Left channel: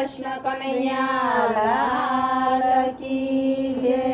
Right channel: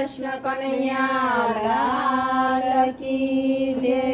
કૃષ્ણ કનૈયા લાલ કી જય।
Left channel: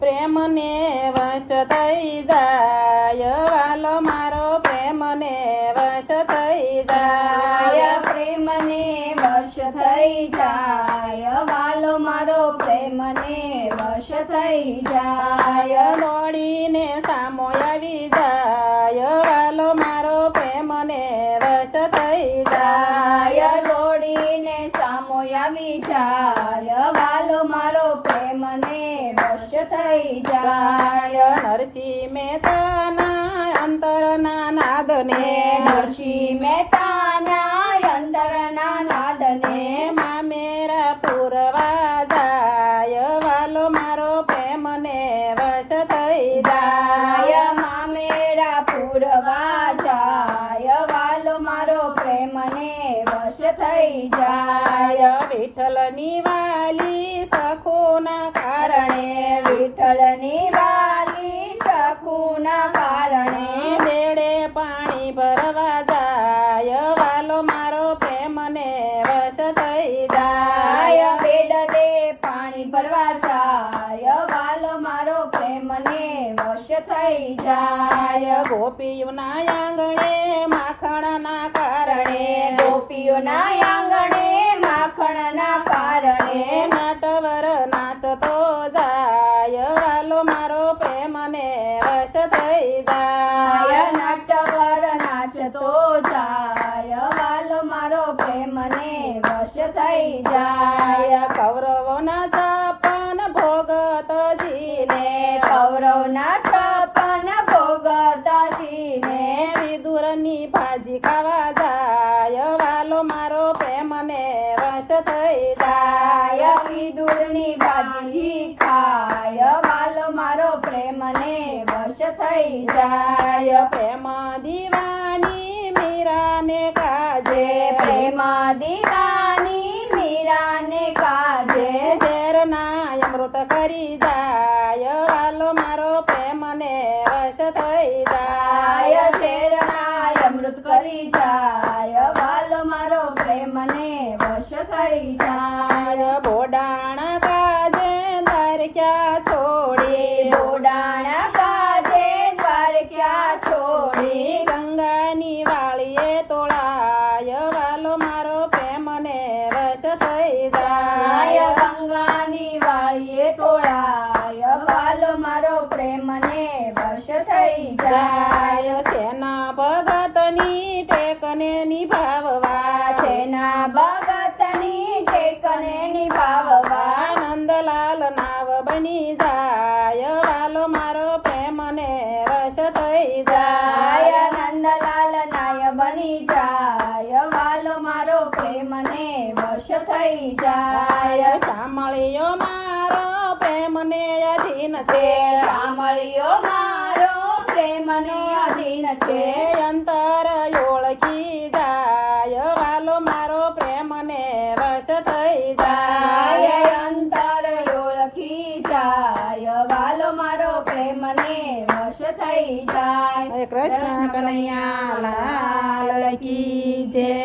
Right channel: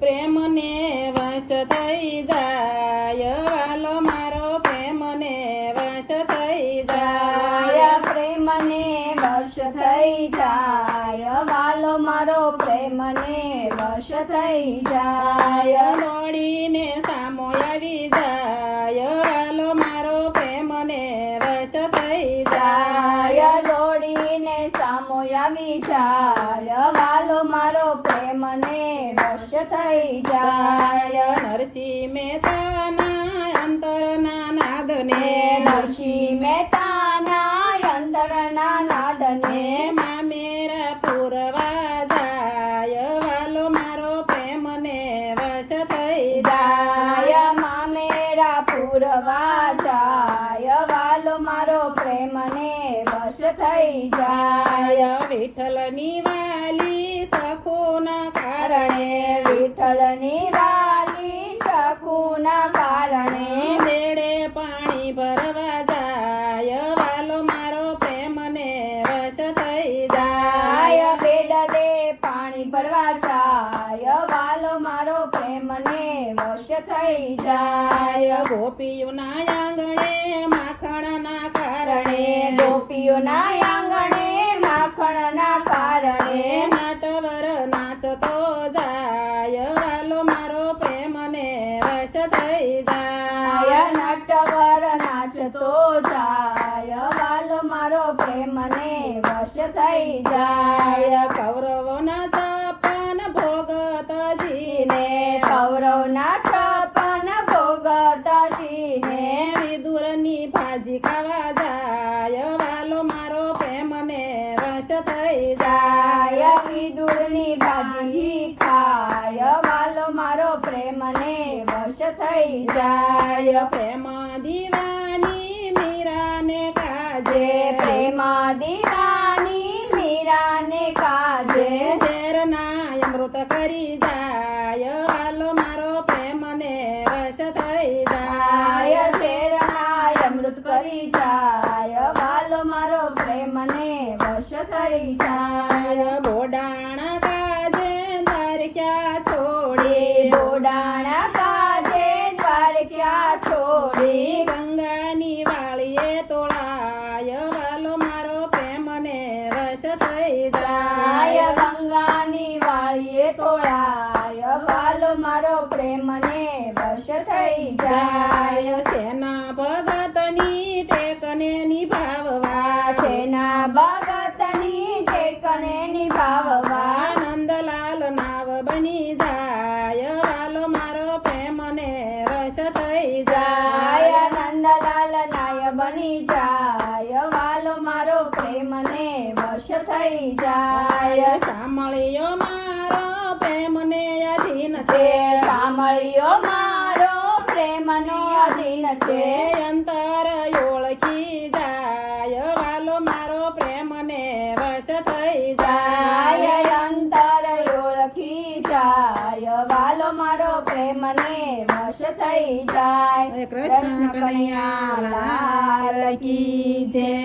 પ્રેમને વશ થઈ જાય વાલો મારો, પ્રેમને વશ થઈ જાય, પ્રેમને વશ થઈ જાય વાલો મારો, પ્રેમને વશ થઈ જાય, દોડીને સામો આવી જાય વાલો મારો, પ્રેમને વશ થઈ જાય, દોડીને સામો આવી જાય વાલો મારો, પ્રેમને વશ થઈ જાય, નરસિંહ મહેતાના અંતરના નાદને, નરસિંહ મહેતાના અંતરના નાદને, મામેરા પૂરવા જાય વાલો મારો, પ્રેમને વશ થઈ જાય, મામેરા પૂરવા જાય વાલો મારો, પ્રેમને વશ થઈ જાય, વિઠ્ઠલની વાલી સખોના કારણે, વિઠ્ઠલની વાલી સખુના કારણે, બેડે પાણી ભરવા જાય વાલો મારો, પ્રેમને વશ થઈ જાય, બેડલે પાણી ભરવા જાય વાલો મારો, પ્રેમને વશ થઈ જાય, ગોપીઓના આંગણે માખણના કારણે, ગોપીઓના આંગણે માખણના કારણે, નટવર નાચતો જાય વાલો મારો, પ્રેમને વશ થઈ જાય, નટવર નાચતો જાય વાલો મારો, પ્રેમને વશ થઈ જાય, કૌરવોના છપ્પન ભોગતજીને, કૌરવના છપ્પન ભોગતજીને, વિદુરની ભાજી ખાવા જાય વાલો મારો, પ્રેમને વશ થઈ જાય, વિદુરની ભાજી ખાય વાલો મારો, પ્રેમને વશ થઈ જાય, પ્રેમ દીવાની મીરાને કાજે, પ્રેમ દીવાની મીરાને કાજે, ઝેરના અમૃત કરી જાય વાલો મારો, પ્રેમને વશ થઈ જાય, ઝેરના અમૃત કરી જાય વાલો મારો, પ્રેમને વશ થઈ જાય, બોડાણા કાજે દ્વારકા છોડી, બોડાણા કાજે દ્વારકા છોડી, ગંગાની વાળીએ તોળાય વાલો મારો, પ્રેમને વશ થઈ જાય, ગંગાની વાળીએ તોળાય વાલો મારો, પ્રેમને વશ થઈ જાય, સેના ભગતની ટેકને નિભાવવા, સેના ભગતની ટેકને નિભાવવા, નંદલાલ નાવ બની જાય વાલો મારો, પ્રેમને વશ થઈ જાય, નંદલાલ નાય બની જાય વાલો મારો, પ્રેમને વશ થઈ જાય, સાંભળ્યો મારો પ્રેમને અધીન છે, સાંભળ્યો મારો પ્રેમને અધીન છે, અંતર ઓળખી જાય વાલો મારો, પ્રેમને વશ થઈ જાય, અંતર ઓળખી જાય વાલો મારો, પ્રેમને વશ થઈ જાય, કૃષ્ણ કનૈયા લાલ કી જય।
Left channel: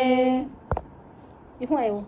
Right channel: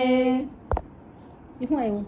શું આવ્યું?